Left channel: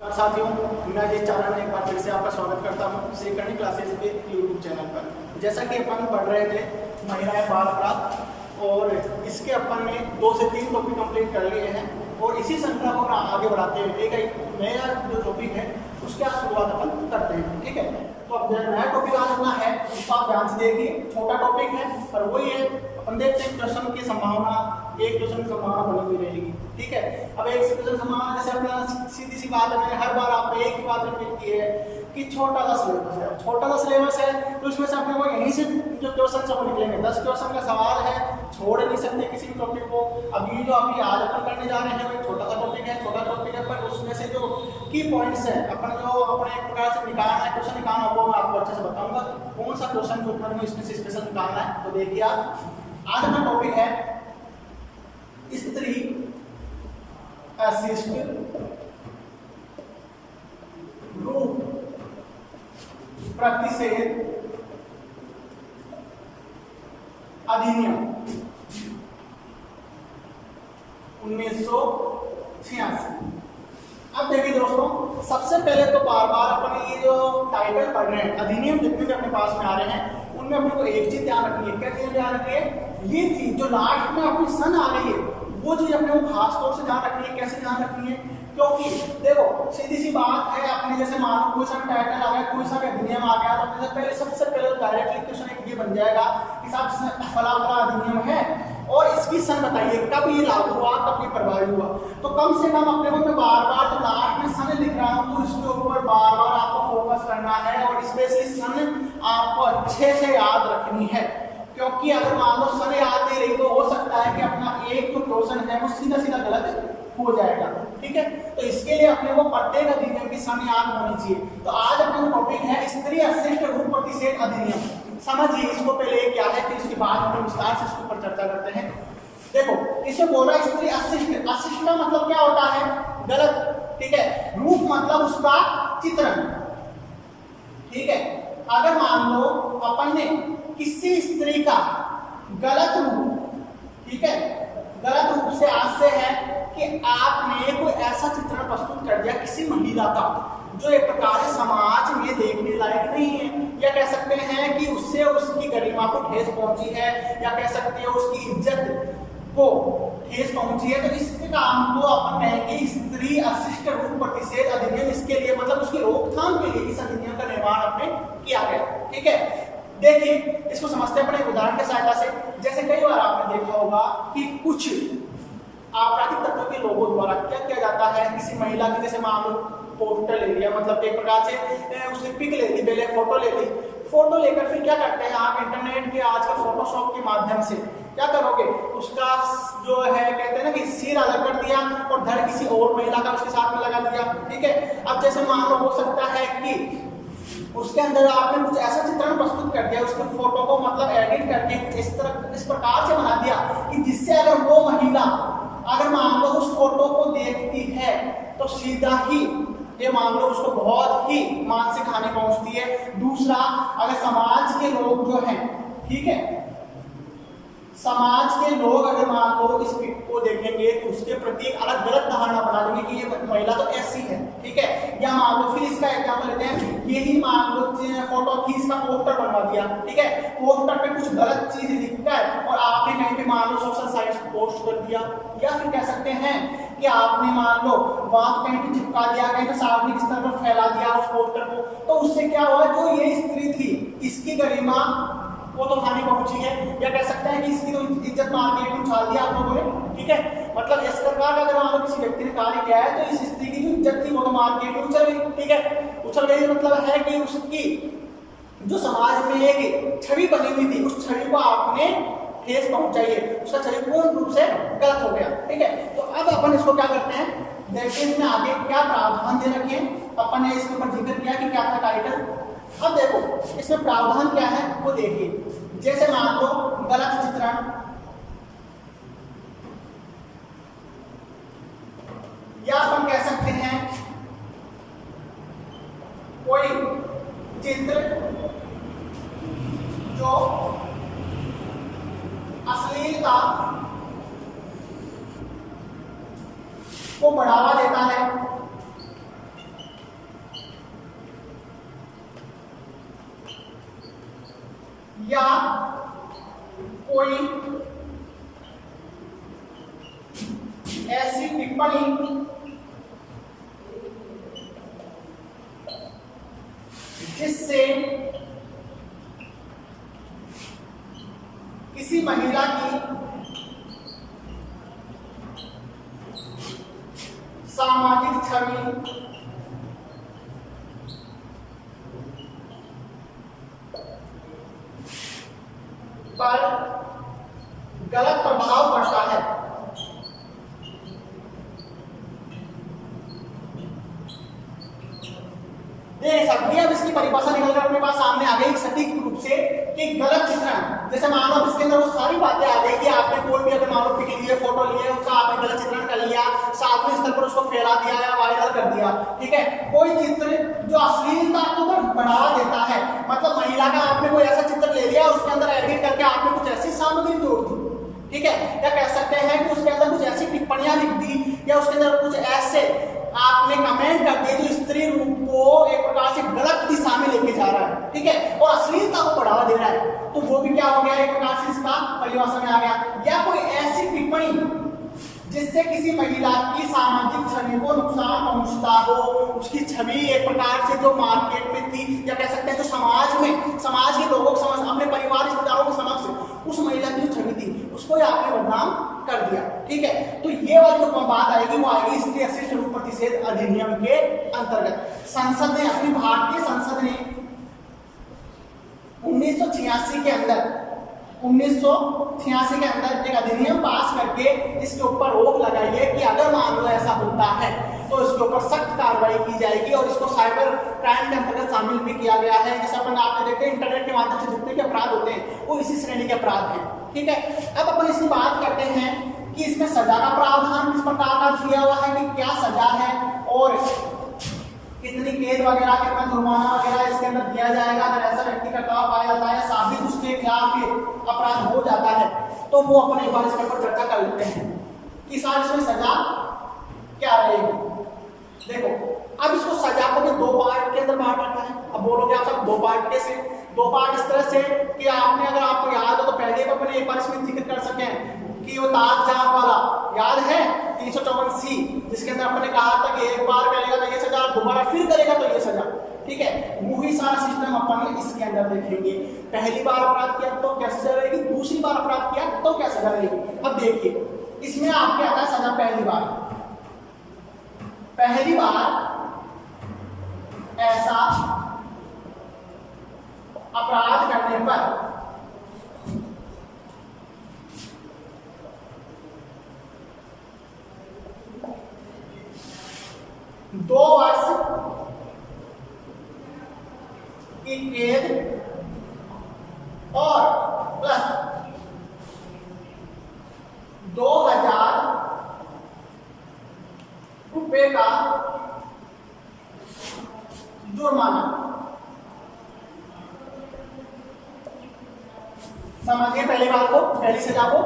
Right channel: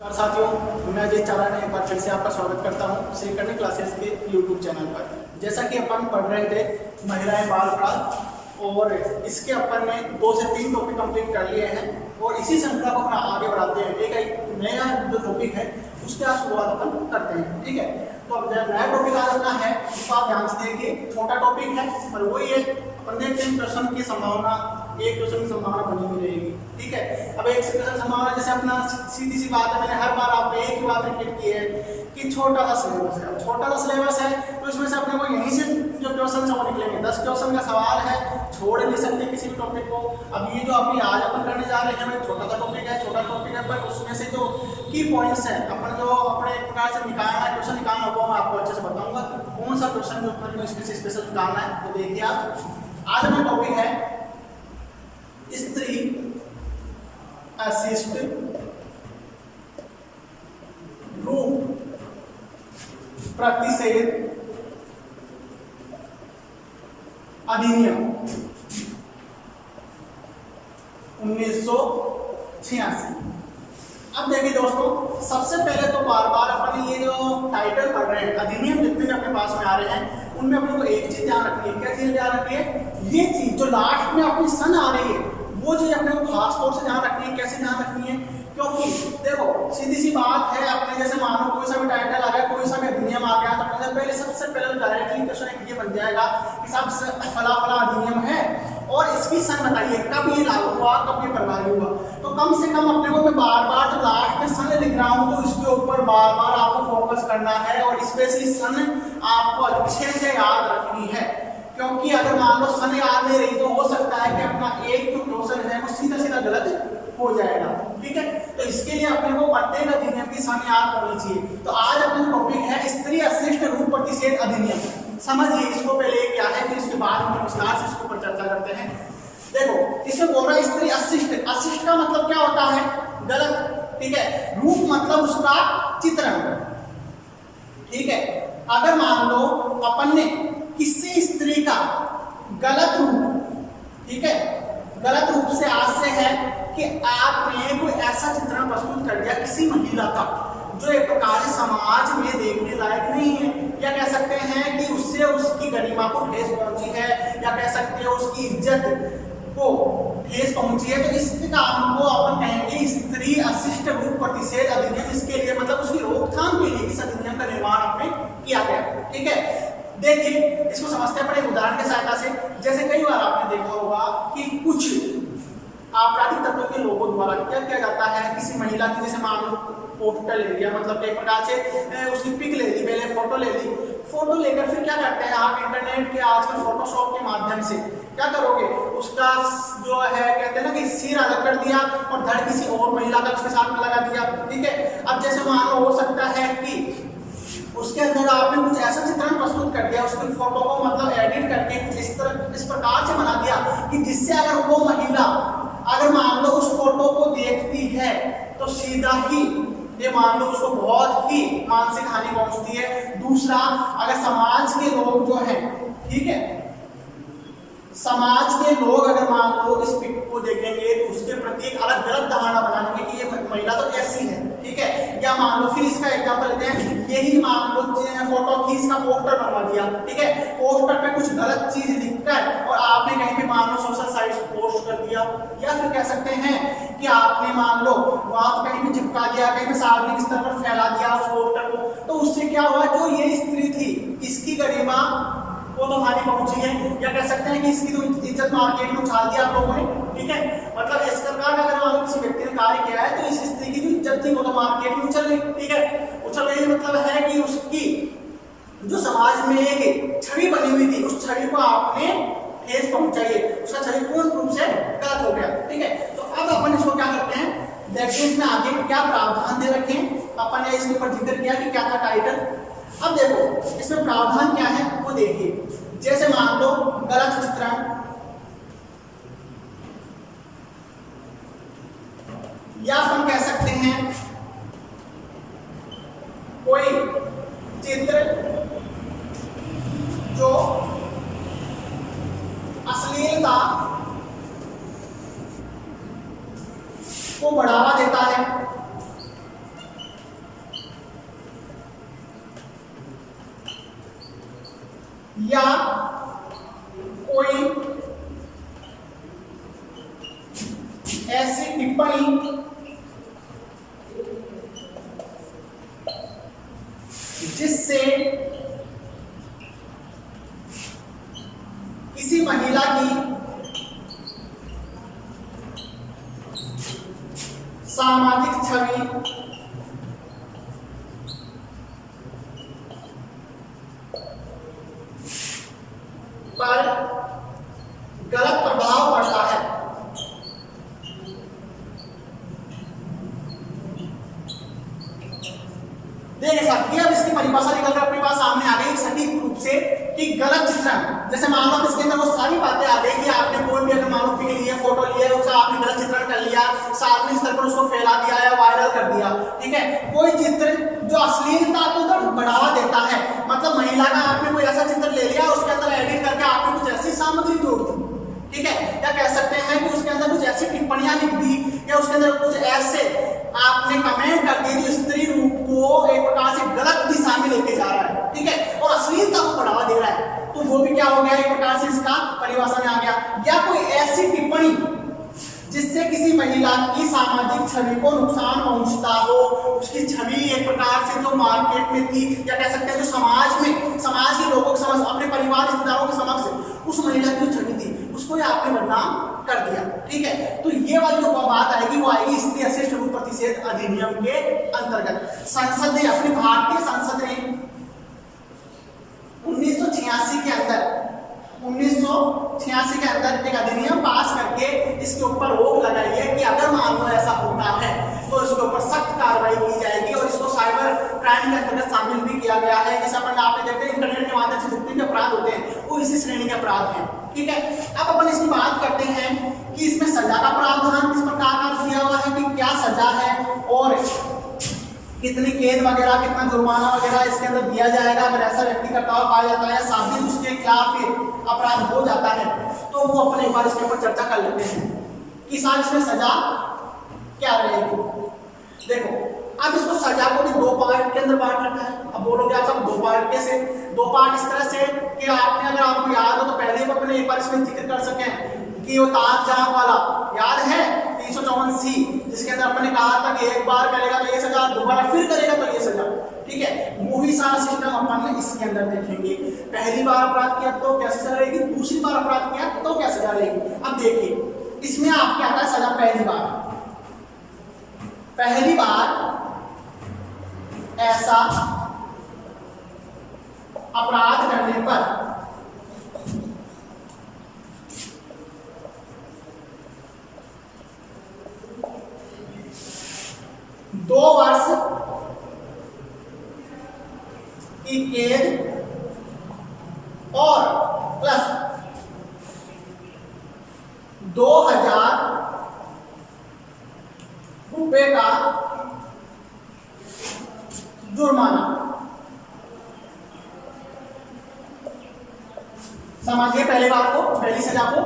नमस्कार साथियों, मैं अजय चारण एक बार फिर से आपका स्वागत करता हूं श्री कन्या क्लासेस के यूट्यूब चैनल पर। जैसा कि अपन पढ़ रहे थे महिलाएं बाल अपराध और इसके अपन ने 2 से 3 टॉपिक कंप्लीट कर लिए हैं और इसी श्रृंखला को आगे बढ़ाते हैं। एक नया जो टॉपिक है उसके आज शुरुआत अपन करते हैं। ठीक है, तो अब नया टॉपिक आज अपना है, उसको आप ध्यान से देखिए। छोटा टॉपिक है पर वही है, अपन देखते हैं क्वेश्चन की संभावना, एक क्वेश्चन की संभावना बनी हुई रहेगी। ठीक है, अब एक क्वेश्चन संभावना जैसे अपना सीधी सी बात है, मैंने हर बार आपको एक ही बात रिपीट की है कि छोटा सा सिलेबस है। अब छोटा सा सिलेबस है तो इसमें से अपने को यहीं से जो क्वेश्चन सब निकलेंगे, 10 क्वेश्चन का सवाल है, छोड़ नहीं सकते किसी भी टॉपिक को। अब ये जो अभी आज अपन करने जा रहे हैं छोटा सा टॉपिक है, छोटा टॉपिक है, पर उसमें से जो की पॉइंट्स है अपन जो अपने एक प्रकार से निकालना है, क्वेश्चन निकालना, वो मैं आपको अच्छे से बताऊंगा कौन सा क्वेश्चन जो अपने को इसमें से स्पेशल निकालना है। तो देखिए आप, आज अपना टॉपिक है स्त्री अशिष्ट रूप प्रतिषेध अधिनियम 1986। अब देखिए दोस्तों, सबसे पहले तो बार बार अपने ये जो टाइटल पढ़ रहे हैं, अधिनियम जितने भी अपने पास में आ रहे हैं उनमें अपने को एक चीज ध्यान रखनी है। क्या चीज ध्यान रखनी है? ये चीज जो लास्ट में अपनी सन आ रही है वो चीज अपने को खास तौर से ध्यान रखनी है। कैसे ध्यान रखनी है? क्योंकि देखो सीधी सी बात है, अपने जैसे मानो कोई सा भी टाइटल आ गया, कोई सा भी अधिनियम आ गया, तो अपने सबसे पहले तो डायरेक्टली क्वेश्चन ये बन जाएगा कि साहब फला फला अधिनियम है और इसकी सन बताइए, कब ये लागू हुआ, कब ये प्रभावी हुआ। तो कम से कम अपने को मैं बार बार जब लास्ट में सन लिख रहा हूं तो इसके ऊपर बार बार आपको फोकस करना है और स्पेशली सन आपको अच्छे से याद रखनी है। क्योंकि अगर मान लो सन याद नहीं रही तो हो सकता है कि अपना एक जो क्वेश्चन है वो सीधा सीधा गलत हो जाएगा। ठीक है, तो इसके लिए अपने को प्रत्येक अधिनियम की सन याद होनी चाहिए। तो आज अपना टॉपिक है स्त्री अशिष्ट रूप प्रतिषेध अधिनियम। समझिए इसको पहले क्या है, फिर इसके बाद हम विस्तार से इसके ऊपर चर्चा करते हैं। देखो इसमें बोल रहा है स्त्री अशिष्ट। अशिष्ट का मतलब क्या होता है? गलत। ठीक है, रूप मतलब उसका चित्रण। ठीक है, अगर मान लो अपन ने किसी स्त्री का गलत रूप, ठीक है, गलत रूप से आज से है कि आपने कोई ऐसा चित्रण प्रस्तुत कर दिया किसी महिला का जो एक प्रकार से समाज में देखने लायक नहीं है, या कह सकते हैं कि उससे उसकी गरिमा को ठेस पहुंची है, या कह सकते हैं उसकी इज्जत को ठेस पहुंची है, तो इस काम को अपन कहेंगे स्त्री अशिष्ट रूप प्रतिषेध अधिनियम। इसके लिए मतलब उसकी रोकथाम के लिए इस अधिनियम का निर्माण आपने किया गया। ठीक है, देखिए इसको समझते हैं अपने उदाहरण की सहायता से। जैसे कई बार आपने देखा होगा कि कुछ आपराधिक तत्वों के लोगों द्वारा क्या किया जाता है, किसी महिला की जैसे मान लो पोस्टर ले लिया, मतलब एक प्रकार से उसकी पिक ले ली, पहले फोटो ले ली, फोटो लेकर फिर क्या करते हैं आप इंटरनेट के आजकल फोटोशॉप के माध्यम से क्या करोगे, उसका जो है कहते हैं ना कि सिर अलग कर दिया और धड़ किसी और महिला का उसके साथ में लगा दिया। ठीक है, अब जैसे मान लो हो सकता है कि उसके अंदर आपने कुछ ऐसा चित्रण प्रस्तुत कर दिया, उसकी फोटो को मतलब एडिट करके कुछ इस प्रकार से बना दिया कि जिससे अगर वो महिला अगर मान लो उस फोटो को देखती है तो सीधा ही ये मान लो उसको बहुत ही मानसिक हानि पहुंचती है। दूसरा, अगर समाज के लोग जो हैं, ठीक है, समाज के लोग अगर मान लो इस पिक को देखेंगे तो उसके प्रति एक अलग गलत धारणा बना देंगे कि ये महिला तो ऐसी है। ठीक है, या मान लो फिर इसका एग्जांपल लेते हैं, यही मान लो फोटो खींच का पोस्टर बनवा दिया। ठीक है, पोस्टर पे कुछ गलत चीज लिखकर और आपने कहीं पे मान लो सोशल साइट्स पे पोस्ट कर दिया, या फिर कह सकते हैं कि आपने मान लो वहां कहीं पे चिपका दिया, कहीं पे सार्वजनिक स्तर पर फैला दिया उस पोस्टर को, तो उससे क्या हुआ, जो ये स्त्री थी इसकी गरिमा वो तो हानि पहुंची है, या कह सकते हैं कि इसकी तो इज्जत मार्केट में उछाल दिया आप लोगों ने। ठीक है, मतलब इस प्रकार का अगर मान लो किसी व्यक्ति ने कार्य किया है तो इस स्त्री की जो इज्जत थी वो तो मार्केट में उछल गई। ठीक है, उछल गई मतलब है कि उसकी जो समाज में एक छवि बनी हुई थी उस छवि को आपने ठेस पहुंचाई है, उसका छवि पूर्ण रूप से गलत हो गया। ठीक है, तो अब अपन इसको क्या करते हैं, देखते हैं इसमें आगे क्या प्रावधान दे रखे हैं। अपन ने इसके ऊपर जिक्र किया कि क्या था टाइटल। अब देखो इसमें प्रावधान क्या है वो देखिए। जैसे मान लो गलत चित्रण, या अपन कह सकते हैं कोई चित्र जो अश्लीलता को बढ़ावा देता है, या कोई ऐसी टिप्पणी जिससे किसी महिला की सामाजिक छवि पर गलत प्रभाव पड़ता है। देख सकते हैं अब इसकी परिभाषा निकलकर अपने पास सामने आ गई सटीक रूप से कि गलत चित्रण। जैसे मान लो इसके अंदर वो सारी बातें आ गई कि आपने कोई भी अगर मान लो पिक लिए, फोटो लिए, उसका आपने गलत चित्रण कर लिया, सार्वजनिक स्तर पर उसको फैला दिया या वायरल कर दिया, ठीक है। कोई चित्र जो अश्लीलता को बढ़ावा देता है, मतलब महिला का आपने कोई ऐसा चित्र ले लिया, उसके अंदर एडिट करके आपने कुछ ऐसी सामग्री जोड़ दी, ठीक है, या कह सकते हैं कि उसके अंदर कुछ ऐसी टिप्पणियां लिख दी या उसके अंदर कुछ ऐसे आपने कमेंट कर दिए जो स्त्री रूप को एक प्रकार से गलत दिशा में लेके जा रहा है, ठीक है, और अश्लीलता को बढ़ावा दे रहा है, तो वो भी क्या हो गया, एक प्रकार से इसका परिभाषा में आ गया। या कोई ऐसी टिप्पणी जिससे किसी महिला की सामाजिक छवि को नुकसान पहुंचता हो, उसकी छवि एक प्रकार से जो मार्केट में थी, या कह सकते हैं जो समाज में, समाज के लोगों के समझ, अपने परिवार रिश्तेदारों के समक्ष उस महिला की जो छवि थी उसको आपने बदनाम कर दिया, ठीक है। तो ये वाली जो बात आएगी वो आएगी स्त्री अशिष्ट रूप प्रतिषेध अधिनियम के अंतर्गत। संसद ने, अपनी भारतीय संसद ने 1986 के अंदर 1986 के अंदर एक अधिनियम पास करके इसके ऊपर रोक लगाई है कि अगर मान लो ऐसा होता है तो इसके ऊपर सख्त कार्रवाई की जाएगी और इसको साइबर क्राइम के अंतर्गत शामिल भी किया गया है। जैसे अपन आपने देखते हैं इंटरनेट के माध्यम से जितने भी अपराध होते हैं वो इसी श्रेणी के अपराध हैं, ठीक है। अब अपन इसकी बात करते हैं कि इसमें सजा का प्रावधान किस प्रकार का दिया हुआ है, कि क्या सजा है और कितनी कैद वगैरह, कितना जुर्माना वगैरह इसके अंदर दिया जाएगा अगर ऐसा व्यक्ति करता हुआ पाया जाता है, साबित उसके खिलाफ फिर अपराध हो जाता है, तो वो अपन एक बार इसके ऊपर चर्चा कर लेते हैं कि साहब इसमें सजा क्या रहेगी। देखो अब इसको सजा को भी दो पार्ट के अंदर बांट रखा है। अब बोलोगे आप सब दो पार्ट कैसे? दो पार्ट इस तरह से कि आपने, अगर आपको याद हो तो पहले भी अपने एक बार इसमें जिक्र कर सके कि वो ताकझाप वाला याद है 354C, जिसके अंदर अपने कहा था कि एक बार करेगा तो ये सजा, दोबारा फिर करेगा तो ये सजा, ठीक है। वही सारा सिस्टम अपन इसके अंदर देखेंगे। पहली बार अपराध किया तो क्या सजा रहेगी, दूसरी बार अपराध किया तो क्या सजा रहेगी। अब देखिए इसमें आपके आता है सजा पहली बार ऐसा अपराध करने पर दो वर्ष की कैद और प्लस 2000 रुपए का जुर्माना। समझिए पहली बात को, पहली सजा को,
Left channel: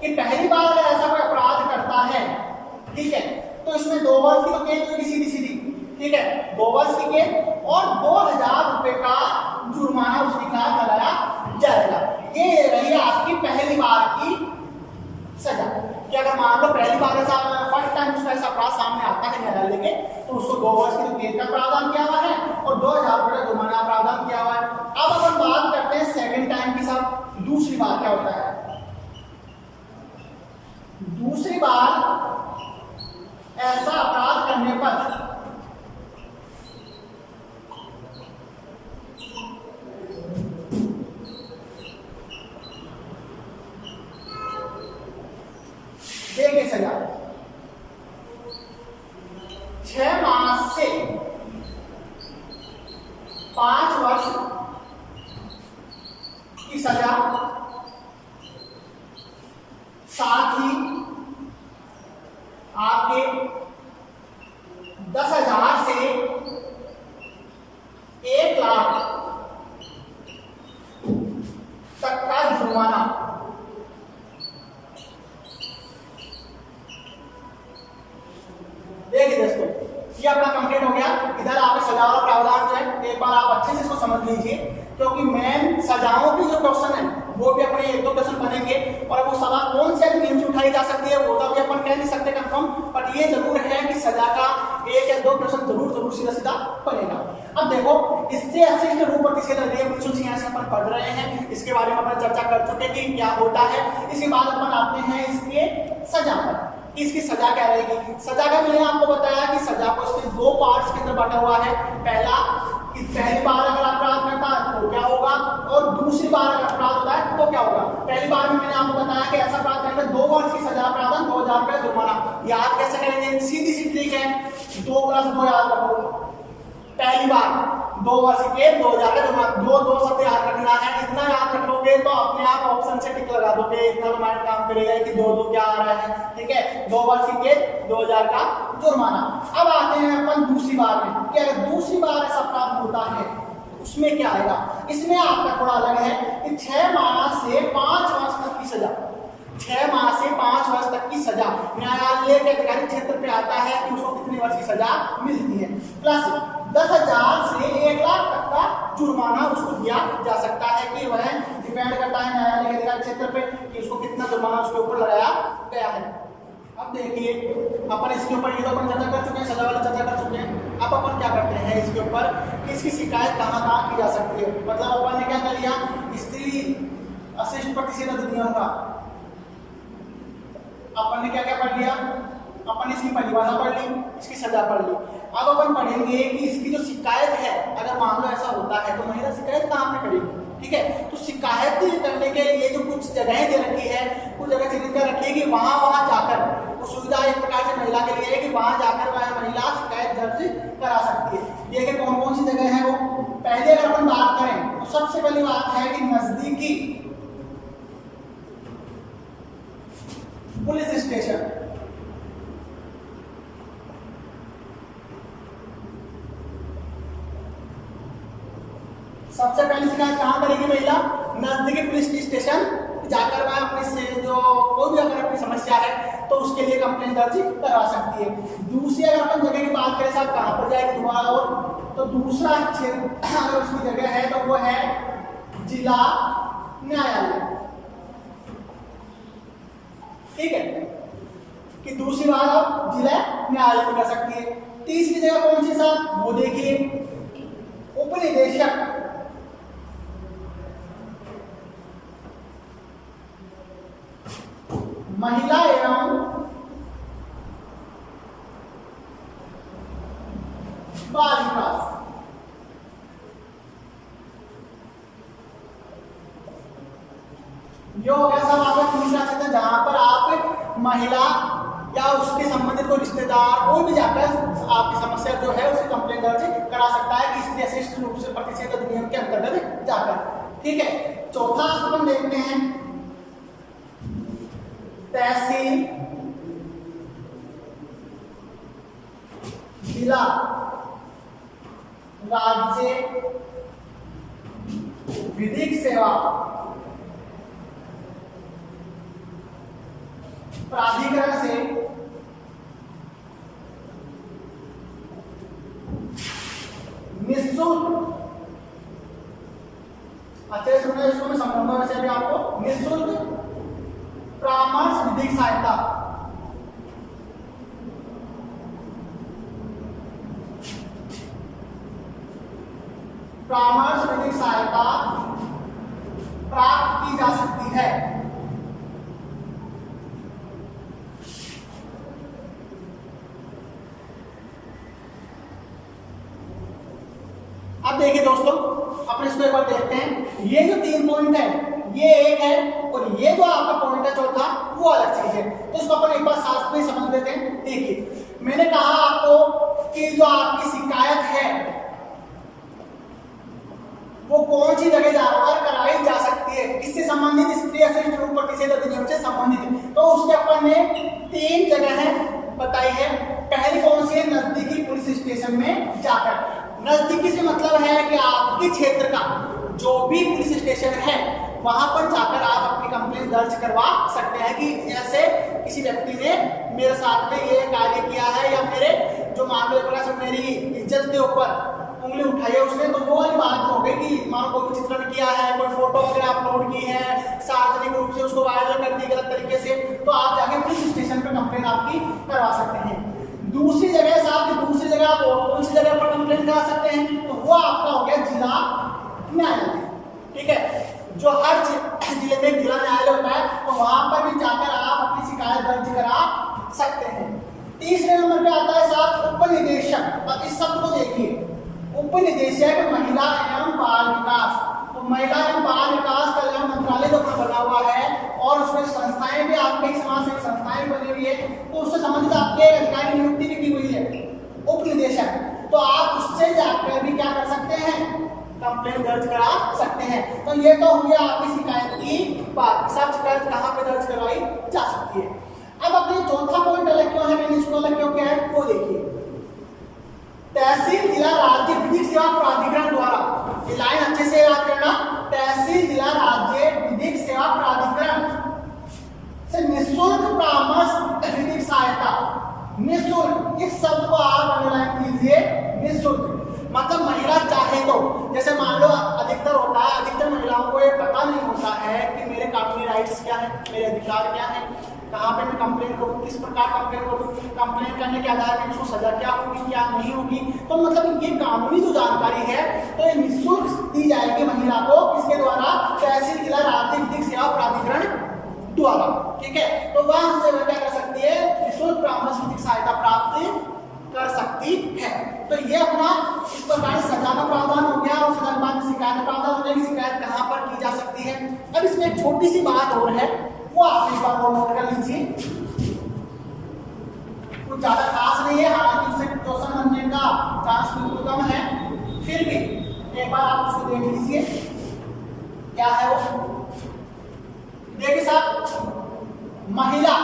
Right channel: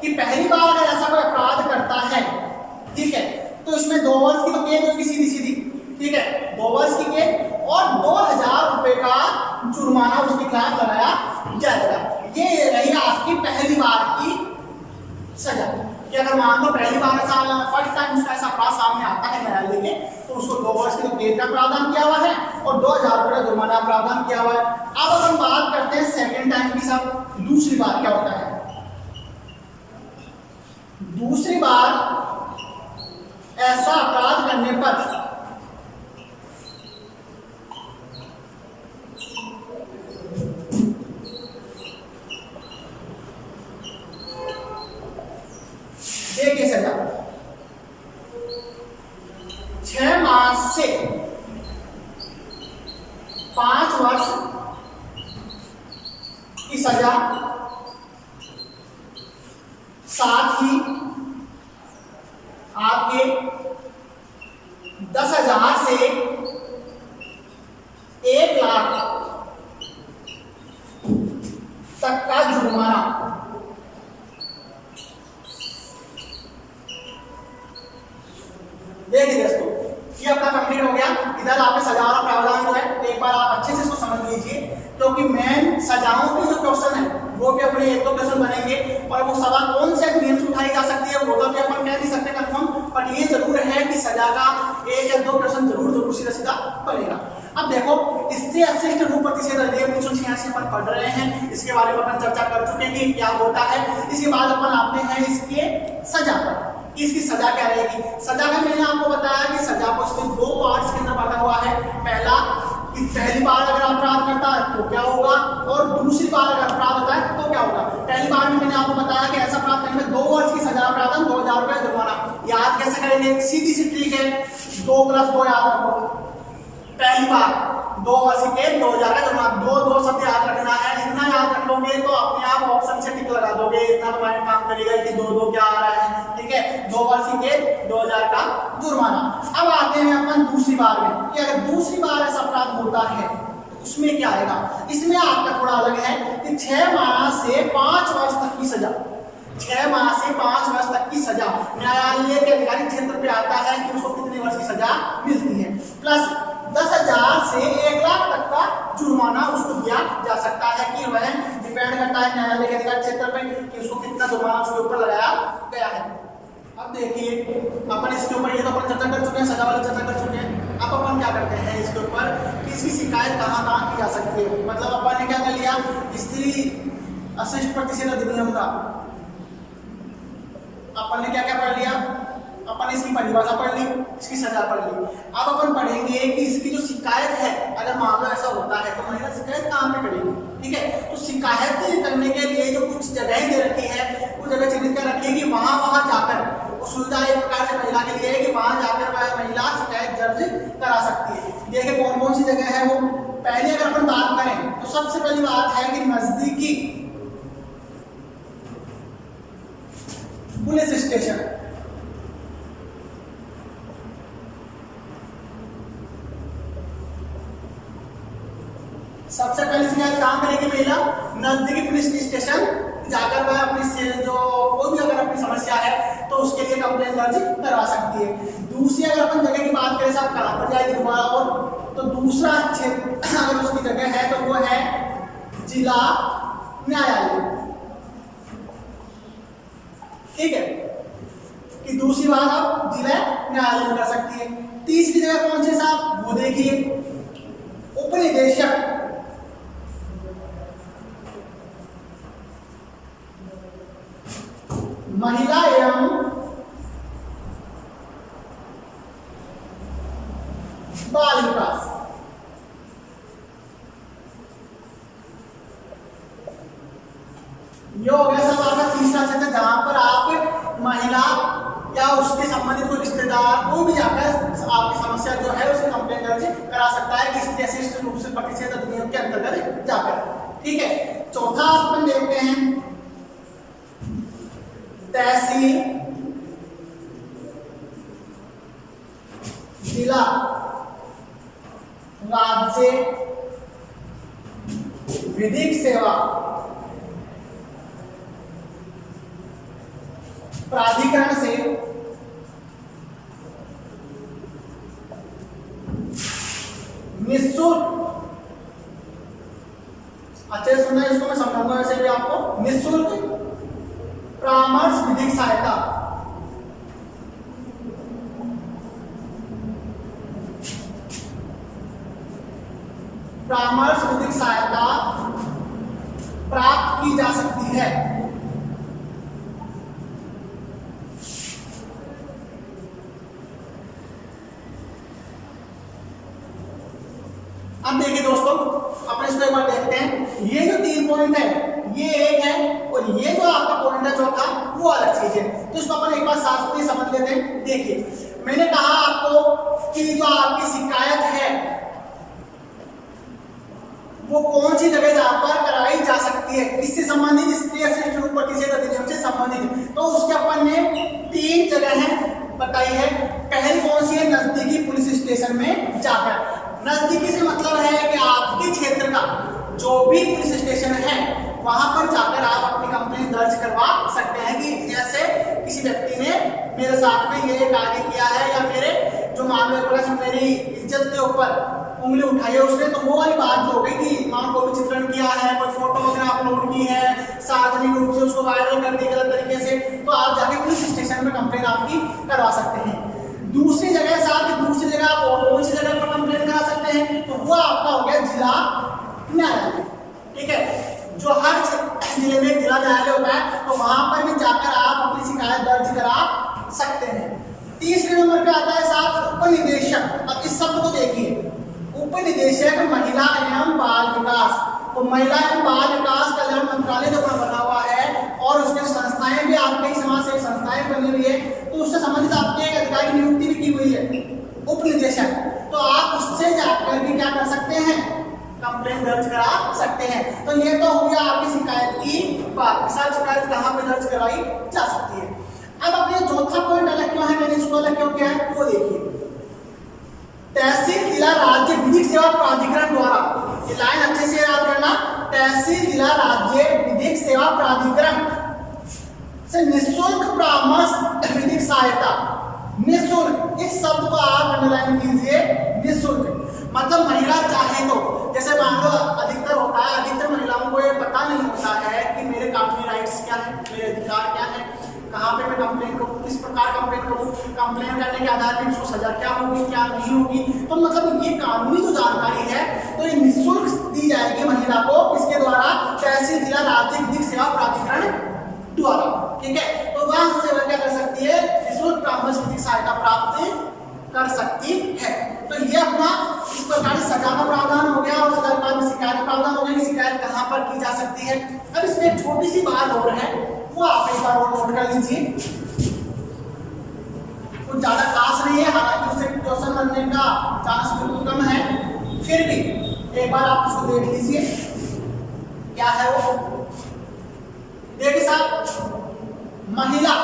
कि पहली बार अगर ऐसा कोई अपराध करता है, ठीक है, तो इसमें 2 वर्ष की तो कैद होगी सीधी सीधी, ठीक है, 2 वर्ष की कैद और 2000 रुपए का जुर्माना उसके खिलाफ लगाया जाएगा। ये रही आपकी पहली बार की सजा। कि अगर मान लो पहली बार फर्स्ट टाइम उसका ऐसा अपराध सामने आता है न्यायालय के, तो उसको 2 वर्ष की कैद का प्रावधान किया हुआ है और 2000 रुपए का जुर्माना प्रावधान किया हुआ है। अब अपन बात करते हैं सेकेंड टाइम की। साहब दूसरी बार क्या होता है? दूसरी बार ऐसा अपराध करने पर देखिए सजा 6 मास से 5 वर्ष की सजा, साथ ही आपके 10,000 से 1 लाख तक का जुर्माना। देखिए दोस्तों ये अपना कंप्लीट हो गया। इधर आपने सजा वाला प्रावधान जो है एक बार आप अच्छे से इसको समझ लीजिए क्योंकि मेन सजाओं की जो क्वेश्चन है वो भी अपने एक दो क्वेश्चन बनेंगे, और वो सजा कौन से अधिनियम से उठाई जा सकती है वो तो भी अपन कह नहीं सकते कंफर्म, बट ये जरूर है कि सजा का एक या दो क्वेश्चन जरूर सीधा सीधा बनेगा। अब देखो, स्त्री अशिष्ट रूप प्रतिषेध अधिनियम 1986 अपन पढ़ रहे हैं, इसके बारे में अपन चर्चा कर चुके कि क्या होता है। इसके बाद अपन आते हैं इसके सजा पर, इसकी सजा क्या रहेगी। सजा का मैंने आपको बताया कि सजा को इसके दो पार्ट्स के अंदर बांटा हुआ है। पहला कि पहली बार अगर अपराध करता है तो क्या होगा, और दूसरी बार अगर अपराध होता है तो क्या होगा। पहली बार में मैंने आपको बताया कि ऐसा अपराध करने में 2 वर्ष की सजा, प्रावधान 2000 रुपये जुर्माना। याद कैसे करेंगे, सीधी सी ट्रिक है, 2 + 2 याद रखो। पहली बार 2 वर्ष के 2000 का जुर्माना, 2 शब्द याद रखना है। इतना याद रख लोगे तो अपने आप ऑप्शन से टिक लगा दोगे, इतना तो माइंड काम करेगा कि 2 क्या आ रहा है। ठीक है, 2 वर्ष के 2000 का जुर्माना। अब आते हैं अपन दूसरी बार में कि अगर दूसरी बार ऐसा अपराध होता है तो उसमें क्या आएगा। इसमें आपका थोड़ा अलग है कि 6 माह से 5 वर्ष तक की सजा, 6 माह से 5 वर्ष तक की सजा न्यायालय के अधिकारी क्षेत्र पे आता है कि उसको कितने वर्ष की सजा मिलती है, प्लस 10,000 से 1 लाख तक का जुर्माना उसको दिया जा सकता है। कि वह डिपेंड करता है न्यायालय के अधिकार क्षेत्र पे कि उसको कितना जुर्माना उसके ऊपर लगाया गया है। अब देखिए, अपन इसके ऊपर ये तो अपन चर्चा कर चुके हैं, सजा वाली चर्चा कर चुके हैं। अब अपन क्या करते हैं इसके ऊपर कि इसकी शिकायत कहाँ की जा सकती है। मतलब अपन ने क्या कर लिया, स्त्री अशिष्ट प्रतिषेध अधिनियम का अपन ने क्या क्या पढ़ लिया, अपन इसकी परिभाषा पढ़ ली, इसकी सजा पढ़ ली। अब अपन पढ़ेंगे कि इसकी जो शिकायत है, अगर मान लो ऐसा होता है तो महिला शिकायत कहाँ पे करेगी। ठीक है, तो शिकायत करने के लिए जो कुछ जगहें दे रखी है, कुछ जगह चिन्हित कर रखी है कि वहां जाकर वो सुविधा एक प्रकार से महिला के लिए है कि वहां जाकर वह महिला शिकायत दर्ज करा सकती है। देखिए कौन कौन सी जगह है वो। पहले अगर अपन बात करें तो सबसे पहली बात है कि नजदीकी पुलिस स्टेशन, सबसे पहली शिकायत कहां करेगी महिला, नजदीकी पुलिस स्टेशन जाकर वह अपनी जो कोई भी अगर अपनी समस्या है तो उसके लिए कंप्लेंट दर्ज करवा सकती है। दूसरी अगर अपन जगह की बात करें साहब कहां पर जाएगी दोबारा, और तो दूसरा क्षेत्र अगर उसकी जगह है तो वो है जिला न्यायालय। ठीक है, कि दूसरी बात आप जिला न्यायालय में कर सकती है। तीसरी जगह कौन सी साहब, वो देखिए उपनिदेशक महिला एवं बाल विकास। ये हो गया सब आपका तीसरा सेक्शन, जहां पर आप महिला या उसके संबंधित कोई रिश्तेदार कोई भी जाकर आपकी समस्या जो है उसकी कंप्लेंट दर्ज करा सकता है कि स्त्री अशिष्ट रूप से प्रतिषेध अधिनियम के अंतर्गत जाकर। ठीक है, चौथा अपन देखते हैं तहसील, जिला, राज्य विधिक सेवा प्राधिकरण से निःशुल्क, अच्छे से सुनिए इसको मैं समझाऊंगा वैसे भी आपको, निःशुल्क परामर्श विधिक सहायता, परामर्श विधिक सहायता प्राप्त की जा सकती है। अब देखिए दोस्तों, अपन इसको एक बार देखते हैं। ये जो 3 पॉइंट है ये एक है, और ये जो आपका पॉइंट है चौथा वो अलग चीज है। तो इसको अपन एक बार साथ में समझ लेते हैं। देखिए मैंने कहा आपको कि जो आपकी शिकायत है वो कौन सी जगह जाकर कराई जा सकती है, किससे संबंधित, स्त्री अशिष्ट रूप प्रतिषेध अधिनियम से संबंधित। तो उसके अपन ने 3 जगह बताई है। पहली कौन सी है, नजदीकी पुलिस स्टेशन में जाकर। नजदीकी से मतलब है कि आपके क्षेत्र का जो भी पुलिस स्टेशन है वहां पर जाकर आप अपनी कंप्लेंट दर्ज करवा सकते हैं कि ऐसे किसी व्यक्ति ने मेरे साथ में ये कार्य किया है, या मेरे जो मामले पर मेरी इज्जत के ऊपर उंगली उठाई है उसने, तो वो वाली बात जो हो गई कि मान कोई भी चित्रण किया है, कोई फोटो वगैरह अपलोड की है, सार्वजनिक रूप से उसको वायरल कर दी गलत तरीके से, तो आप जाके पुलिस स्टेशन पे कंप्लेन आपकी करवा सकते हैं। दूसरी जगह साहब की दूसरी जगह आप कौन सी जगह पर कंप्लेन करा सकते हैं, तो वो आपका हो गया जिला न्यायालय। ठीक है, जो हर जिले में जिला न्यायालय होता है, तो वहां पर भी जाकर आप अपनी शिकायत दर्ज करा सकते हैं। तीसरे नंबर पे आता है साहब उप निदेशक। अब इस शब्द को देखिए, उप निदेशक महिला एवं बाल विकास। तो महिला एवं बाल विकास कल्याण मंत्रालय का बना हुआ है और उसमें संस्थाएं भी आपके समाज सेवी संस्थाएं बनी हुई है, तो उससे संबंधित आपके अधिकारी की नियुक्ति भी की हुई है उप निदेशक। तो आप उससे जाकर भी क्या कर सकते हैं, कंप्लेन दर्ज करा सकते हैं। तो ये तो हुई आपकी शिकायत की बात, सब शिकायत कहाँ पे दर्ज करवाई जा सकती है। अब अपने चौथा पॉइंट अलग क्यों है, मैंने इसको अलग क्यों किया है वो देखिए। तहसील जिला राज्य विधिक सेवा प्राधिकरण द्वारा, ये लाइन अच्छे से याद करना, तहसील जिला राज्य विधिक सेवा प्राधिकरण से निःशुल्क परामर्श विधिक सहायता। निःशुल्क, इस शब्द को आप अंडरलाइन कीजिए, निःशुल्क मतलब महिला चाहे तो, जैसे मान लो अधिकतर होता है, अधिकतर महिलाओं को ये पता नहीं होता है कि मेरे कानूनी राइट्स क्या है, मेरे अधिकार क्या है, कहाँ पे मैं कंप्लेन करूँ, किस प्रकार कंप्लेन करूँ, कंप्लेन करने के आधार पर उसको सजा क्या होगी क्या नहीं होगी। तो मतलब ये कानूनी जो जानकारी है तो ये निःशुल्क दी जाएगी महिला को, किसके द्वारा, तहसील जिला राज्य विधिक सेवा प्राधिकरण द्वारा। ठीक है, तो वहां से वह क्या कर सकती है, निःशुल्क परामर्श विधिक सहायता प्राप्त कर सकती है। तो ये अपना इस प्रकार सजा का प्रावधान हो गया और सजा के बाद में शिकायत का प्रावधान हो गया, शिकायत कहाँ पर की जा सकती है। अब इसमें एक छोटी सी बात और है, वो आप एक बार और नोट कर लीजिए, कुछ ज्यादा खास नहीं है, हालांकि उससे क्वेश्चन बनने का चांस बिल्कुल कम है, फिर भी एक बार आप उसको देख लीजिए क्या है वो। देखिए साहब, महिला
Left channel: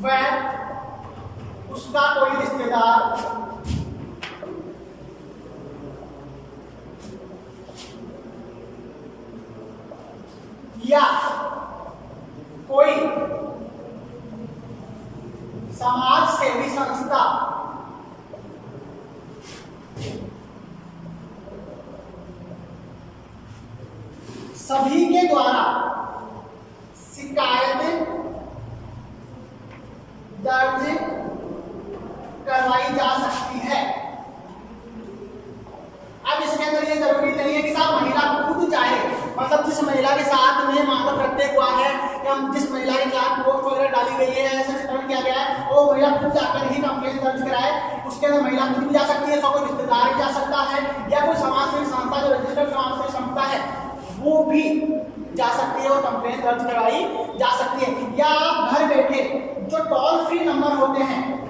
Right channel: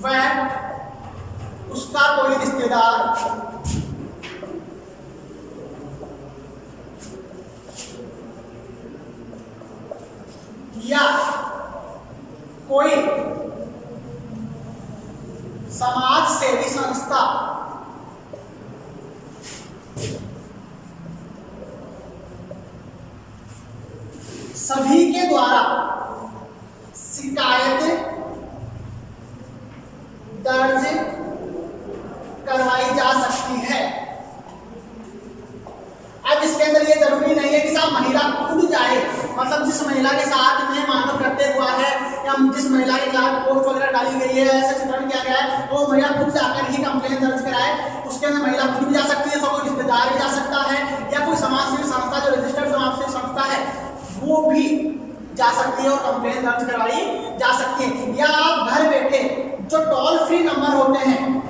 वह उसका कोई रिश्तेदार या कोई समाज सेवी संस्था सभी के द्वारा शिकायत दर्ज करवाई जा सकती है। अब इसके अंदर ये जरूरी नहीं है कि साहब महिला खुद जाए, मतलब जिस महिला के साथ में मानव कृत्य हुआ है या जिस महिला के खिलाफ पोस्ट वगैरह डाली गई है, ऐसा चित्रण किया गया है, वो महिला खुद जाकर ही कंप्लेन दर्ज कराए। उसके अंदर महिला खुद भी जा सकती है, कोई रिश्तेदार भी जा सकता है, या कोई समाज सेवी संस्था जो रजिस्टर्ड समाज सेवी संस्था है वो भी जा सकती है और कंप्लेन दर्ज करवाई जा सकती है। या आप घर बैठे जो टोल फ्री नंबर होते हैं,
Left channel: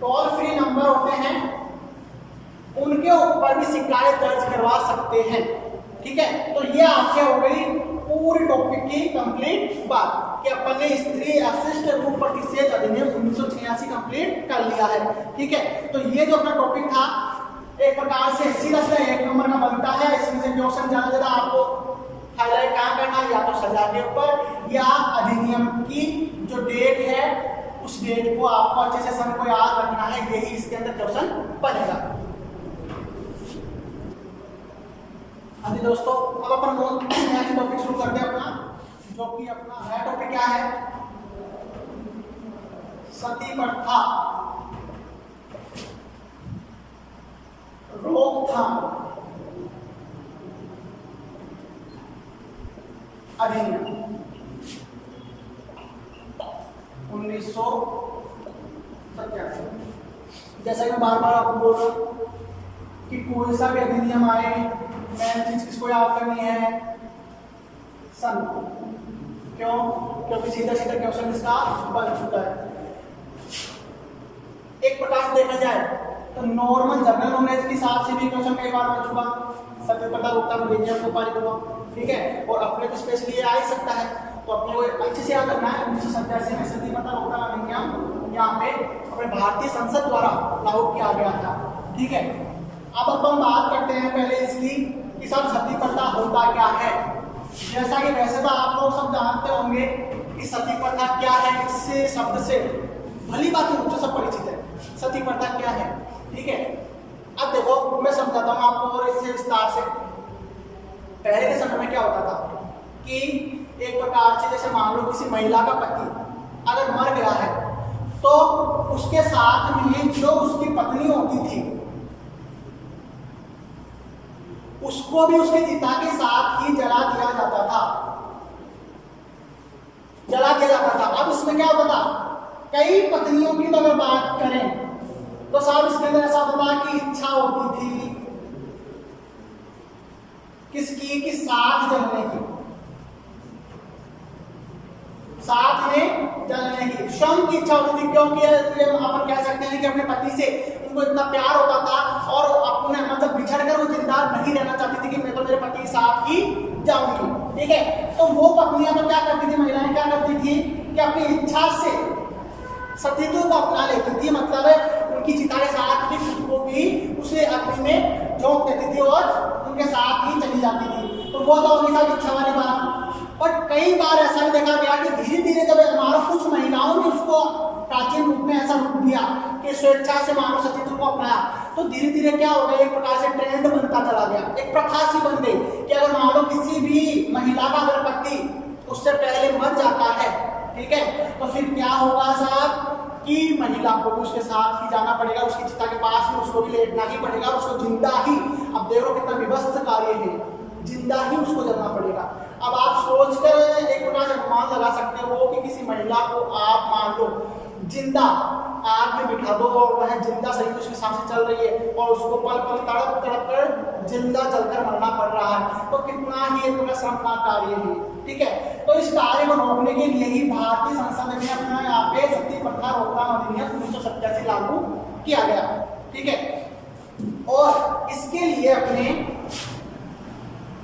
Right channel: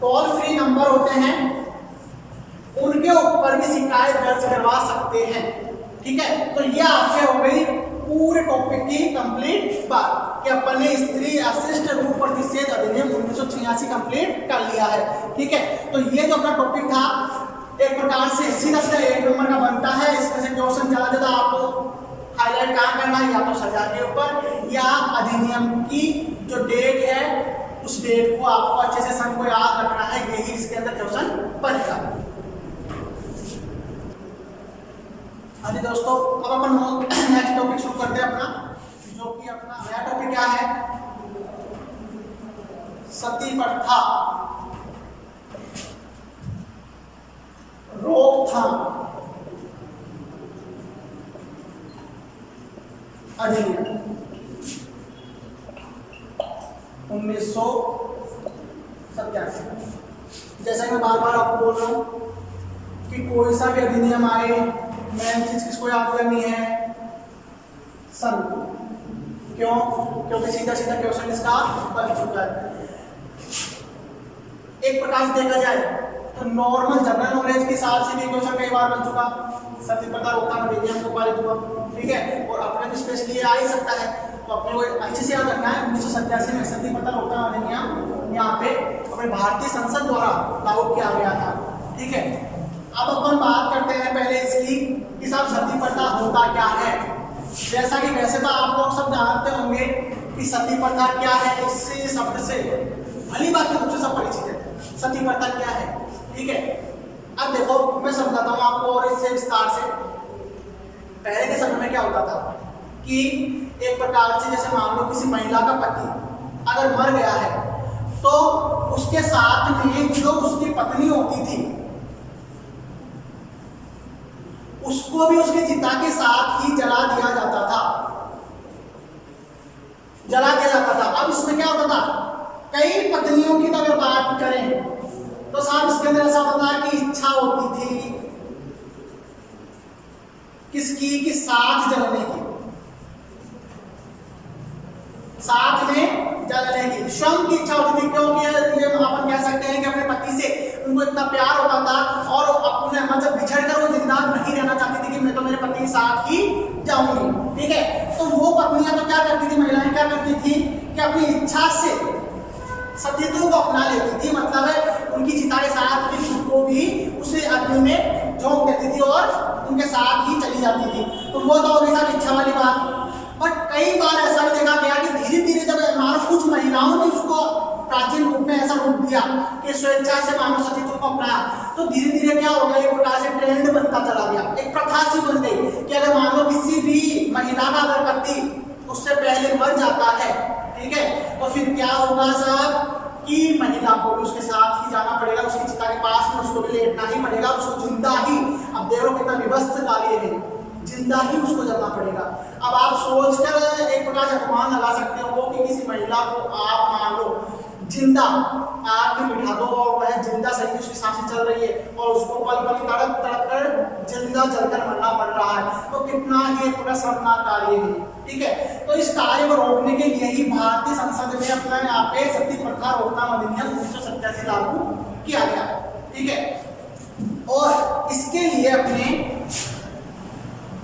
टोल फ्री नंबर होते हैं, उनके ऊपर भी शिकायत दर्ज करवा सकते हैं। ठीक है, तो ये आपके हो गई पूरे टॉपिक की कंप्लीट बात कि अपन ने स्त्री अशिष्ट रूप प्रतिषेध अधिनियम 1986 कंप्लीट कर लिया है। ठीक है, तो ये जो अपना टॉपिक था एक प्रकार से सीधा सीधा 1 नंबर का बनता है। इसमें से क्वेश्चन ज्यादा आपको हाईलाइट कहाँ करना है, या तो सजा के ऊपर या अधिनियम की जो डेट है उस डेट को आपको अच्छे से सन को याद रखना है, यही इसके अंदर क्वेश्चन बनेगा। हाँ जी दोस्तों, अब अपन नेक्स्ट टॉपिक शुरू करते हैं अपना, जो कि अपना नया टॉपिक क्या है, सती प्रथा रोकथाम अधिनियम 1987। जैसा कि मैं बार बार आपको बोल रहा हूं कि कोई सा भी अधिनियम आए, मेन चीज किसको याद करनी है, सन को। क्यों? क्योंकि सीधा सीधा क्वेश्चन इसका बन चुका है। एक प्रकार से देखा जाए तो नॉर्मल जनरल नॉलेज के हिसाब से भी क्वेश्चन कई बार बन चुका, सती प्रथा रोकथाम अधिनियम को पारित हुआ। ठीक है, और अपने तो स्पेशली आ ही सकता है, तो अपने को अच्छे से याद रखना है 1987 में सती प्रथा रोकथाम अधिनियम यहाँ पे अपने भारतीय संसद द्वारा लागू किया गया था। ठीक है, अब अपन बात करते हैं पहले इसकी कि सब सती प्रथा होता क्या है। जैसा कि वैसे तो आप लोग सब जानते होंगे कि सती प्रथा क्या है, इससे शब्द से भली बात के रूप से सब परिचित है। सती प्रथा क्या है, ठीक है। अब देखो मैं समझाता हूँ आपको और इससे विस्तार से। पहले के समय में क्या होता था कि एक प्रकार से जैसे मान लो किसी महिला का पति अगर मर गया है तो उसके साथ में जो उसकी पत्नी होती थी उसको भी उसके चिता के साथ ही जला दिया जाता था, जला दिया जाता था। अब इसमें क्या होता था, कई पत्नियों की अगर बात करें तो साहब इसके अंदर ऐसा होता है कि इच्छा होती थी किसकी, कि साथ जलने की, साथ में जलने की, श्रम की इच्छा होती थी। क्योंकि ये अपन कह सकते हैं कि अपने पति से उनको इतना प्यार होता था और अपने मतलब बिछड़ कर वो जिंदा नहीं रहना चाहती थी कि मैं तो मेरे पति के साथ ही जाऊंगी, ठीक है। तो वो पत्नियां तो क्या करती थी, महिलाएं क्या करती थी कि अपनी इच्छा से सतीत्व को अपना लेती थी, मतलब है उनकी चिता के साथ भी खुद को भी उसे अग्नि में झोंक देती थी और उनके साथ ही चली जाती थी। तो वो तो होगी साहब इच्छा वाली बात। बट कई बार ऐसा भी देखा गया कि धीरे धीरे जब हमारा कुछ महिलाओं ने उसको प्राचीन रूप में ऐसा रूप दिया कि स्वेच्छा से मानव सतीत्व को अपनाया, तो धीरे धीरे क्या हो गया, एक प्रकार से ट्रेंड बनता चला गया, एक प्रथा सी बन गई कि अगर मान लो किसी भी महिला का अगर पति उससे पहले मर जाता है, ठीक है, तो फिर क्या होगा साहब कि महिला को भी उसके साथ ही जाना पड़ेगा, उसकी चिता के पास में उसको भी लेटना ही पड़ेगा, उसको जिंदा ही, अब देखो कितना विवस्थ कार्य है, जिंदा ही उसको जलना पड़ेगा। अब आप सोचकर एक प्रकार से अनुमान लगा सकते हो कि किसी महिला को आप मान लो जिंदा आग में बिठा दो और वह जिंदा सही उसकी सांसें चल रही है और उसको पल पल तड़प तड़प कर जिंदा जलकर मरना पड़ रहा है, तो कितना ही एक प्रकार शर्मनाक कार्य है, ठीक है। तो इस कार्य को रोकने के लिए ही भारतीय संसद में अपना यहाँ पे सती प्रथा रोकथाम अधिनियम 1987 लागू किया गया, ठीक है। और इसके लिए अपने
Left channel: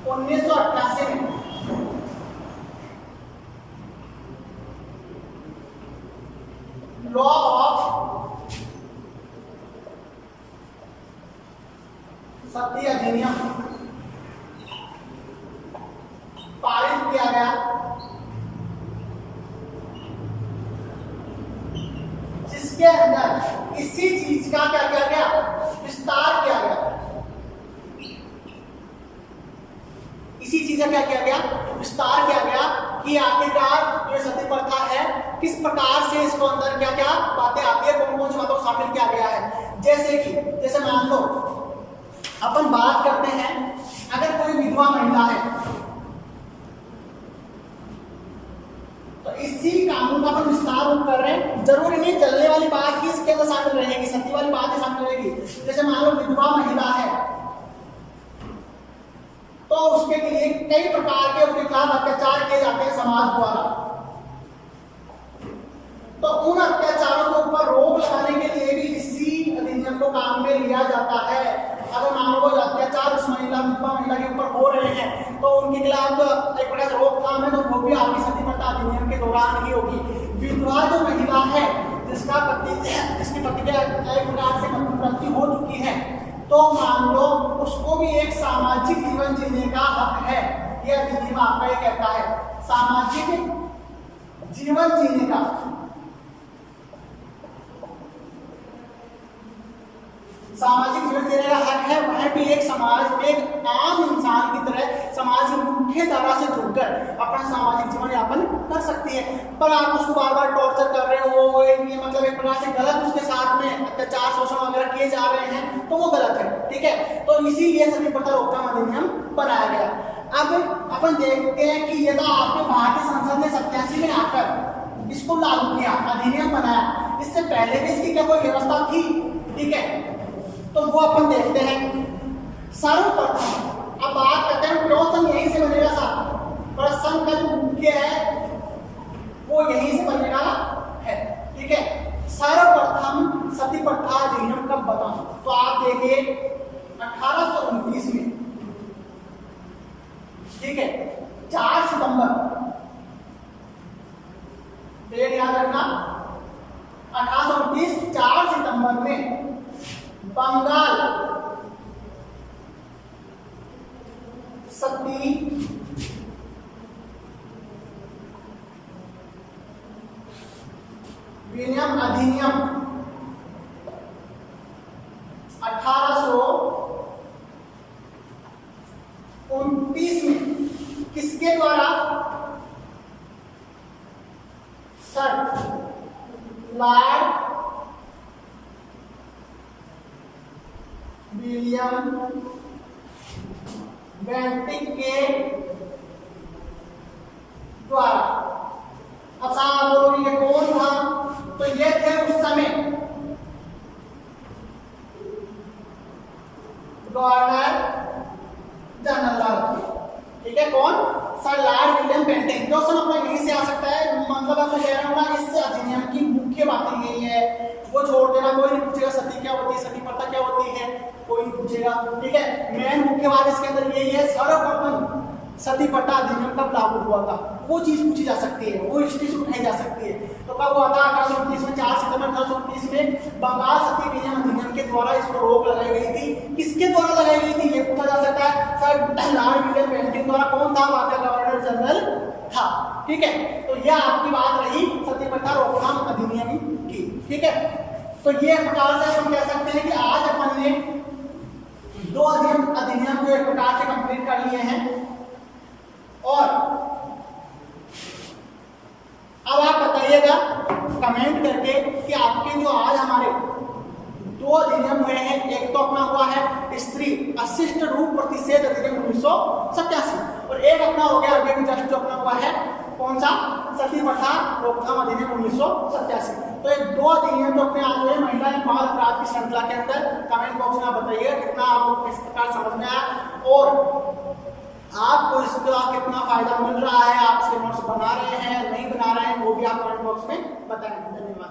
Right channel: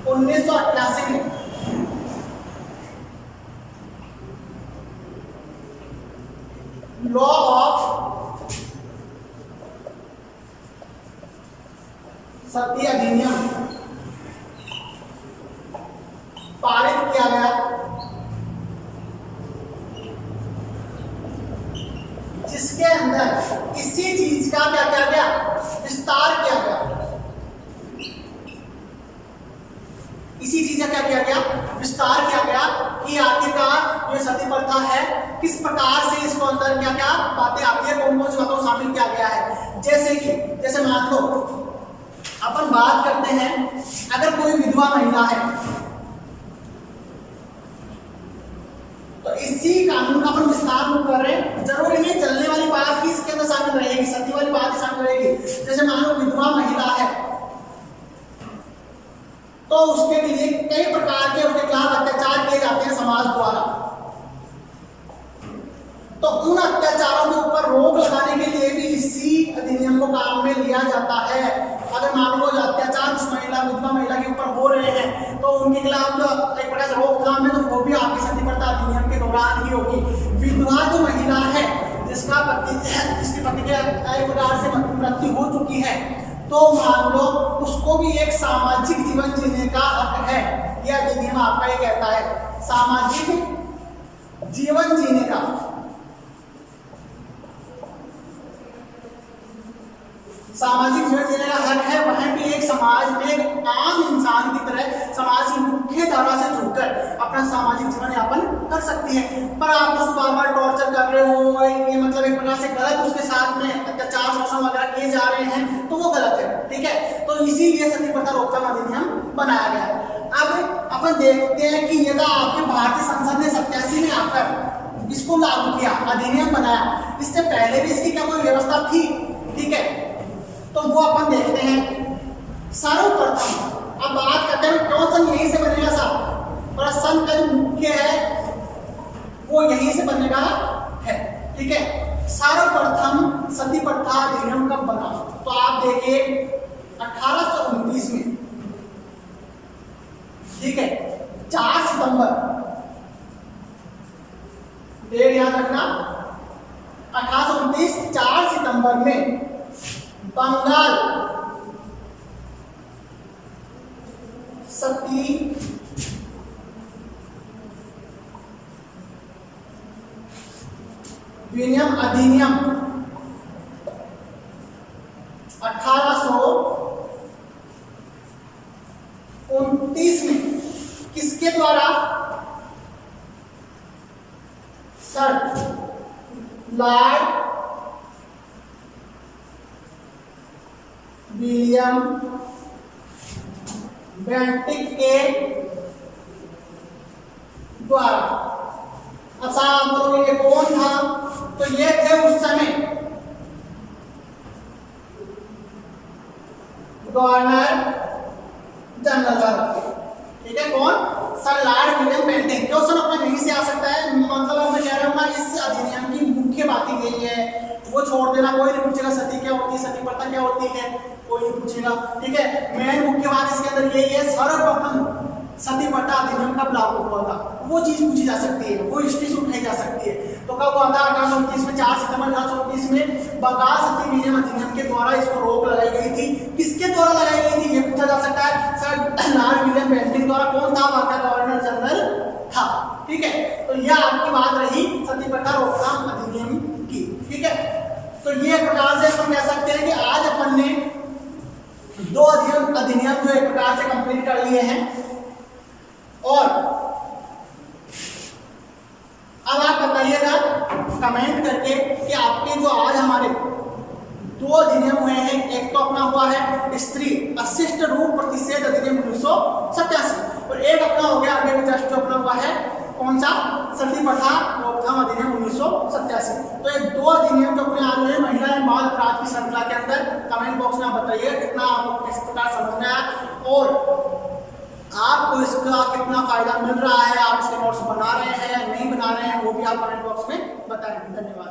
1988 में लॉ ऑफ सती अधिनियम पारित किया गया, जिसके अंदर इसी चीज का क्या किया गया, विस्तार किया गया। इसी चीज का क्या किया गया, विस्तार किया गया कि आखिरकार ये सती प्रथा है, किस प्रकार से इसको अंदर क्या क्या बातें आती है, कौन कौन सी बातों को शामिल किया गया है। जैसे मान लो अपन बात करते हैं, अगर कोई विधवा महिला है तो इसी कानून का अपन विस्तार कर रहे हैं। जरूरी नहीं जलने वाली बात ही इसके अंदर शामिल रहेगी, सती वाली बात ही शामिल रहेगी। जैसे मान लो विधवा महिला है तो उसके लिए कई प्रकार के उसके खिलाफ अत्याचार किए जाते हैं समाज द्वारा, तो उन अत्याचारों के ऊपर रोक लगाने के लिए भी इसी अधिनियम को काम में लिया जाता है। अगर मान लो अत्याचार उस महिला विधवा महिला के ऊपर हो रहे हैं तो उनके खिलाफ जो एक प्रकार से रोकथाम है तो वो भी आपकी सती प्रथा अधिनियम के दौरान ही होगी। विधवा जो महिला है जिसका पति जिसके पति के एक प्रकार से मृत्यु हो चुकी है, तो मान लो उसको भी एक सामाजिक जीवन जीने का हक है। यह अधिनियम आपका ये कहता है सामाजिक जीवन जीने का, सामाजिक जीवन जीने का हक है। वह भी एक समाज में एक आम इंसान की तरह समाज की मुख्य धारा से जुड़कर अपना सामाजिक जीवन यापन कर सकती है। पर आप उसको बार बार टॉर्चर कर रहे हो, ये मतलब एक प्रकार से गलत उसके साथ में अत्याचार शोषण वगैरह किए जा रहे हैं, तो वो गलत है, ठीक है। तो इसीलिए सती प्रथा रोकथाम अधिनियम बनाया गया। अब अपन देखते हैं कि यदि आपके भारतीय संसद ने 87 में आकर इसको लागू किया, अधिनियम बनाया, इससे पहले भी इसकी क्या कोई व्यवस्था थी, ठीक है, तो वो अपन देखते हैं। सर्वप्रथम अब बात करते हैं क्यों सन यहीं से बनेगा साहब, पर सन का जो मुख्य है वो यहीं से बनेगा है, ठीक है। सर्वप्रथम सती प्रथा अधिनियम कब बना, तो आप देखिए 1829 में, ठीक है, 4 सितंबर, डेट याद रखना, 1829 4 सितंबर में बंगाल सती विनियम अधिनियम 1829 में किसके द्वारा? सर लॉर्ड विलियम बेंटिक के द्वारा। अब साहब बोलोगे ये कौन था? तो ये थे उस समय गवर्नर जनरल भारत के। ठीक है, कौन? Sir Lord William Bentinck. Question अपने नहीं से आ सकता है, मतलब मैं कह रहा हूँ ना, इस अधिनियम की मुख्य बातें यही है, वो छोड़ देना, कोई नहीं पूछेगा सती क्या होती है, सती प्रथा क्या होती है, कोई नहीं पूछेगा। ठीक है, मेन मुख्य बात इसके अंदर यही है, सर्वप्रथम सती प्रथा अधिनियम कब लागू हुआ था, वो चीज पूछी जा सकती है, वो हिस्ट्री से उठाई जा सकती है। तो कब हुआ था? 1829 में, 4 सितंबर 1829 में बंगाल सती नियम अधिनियम के द्वारा इसको रोक लगाई गई थी। किसके द्वारा लगाई गई थी ये पूछा जा सकता है। सर लॉर्ड विलियम बेंटिक द्वारा। कौन था? वहां का गवर्नर जनरल था। ठीक है, तो यह आपकी बात रही सती प्रथा रोकथाम अधिनियम की। ठीक है, तो ये प्रकार से हम कह सकते हैं कि आज अपन ने 2 अधिनियम जो एक प्रकार से कंप्लीट कर लिए हैं। और अब आप बताइएगा कमेंट करके कि आपके जो आज हमारे 2 अधिनियम हुए हैं, एक तो अपना हुआ है स्त्री अशिष्ट रूप प्रतिषेध अधिनियम 1987 और एक अपना हो गया आगे जस्ट जो अपना हुआ है कौन सा? सती प्रथा रोकथाम अधिनियम 1987। तो ये 2 अधिनियम जो अपने आज हुए महिला एवं बाल अपराध की श्रृंखला के अंदर, कमेंट बॉक्स में आप बताइए कितना आपको किस प्रकार समझ में आया और आपको इसका कितना फायदा मिल रहा है, आप इसके नोट्स बना रहे हैं या नहीं बना रहे हैं, वो भी आप कमेंट बॉक्स में बताएं। धन्यवाद।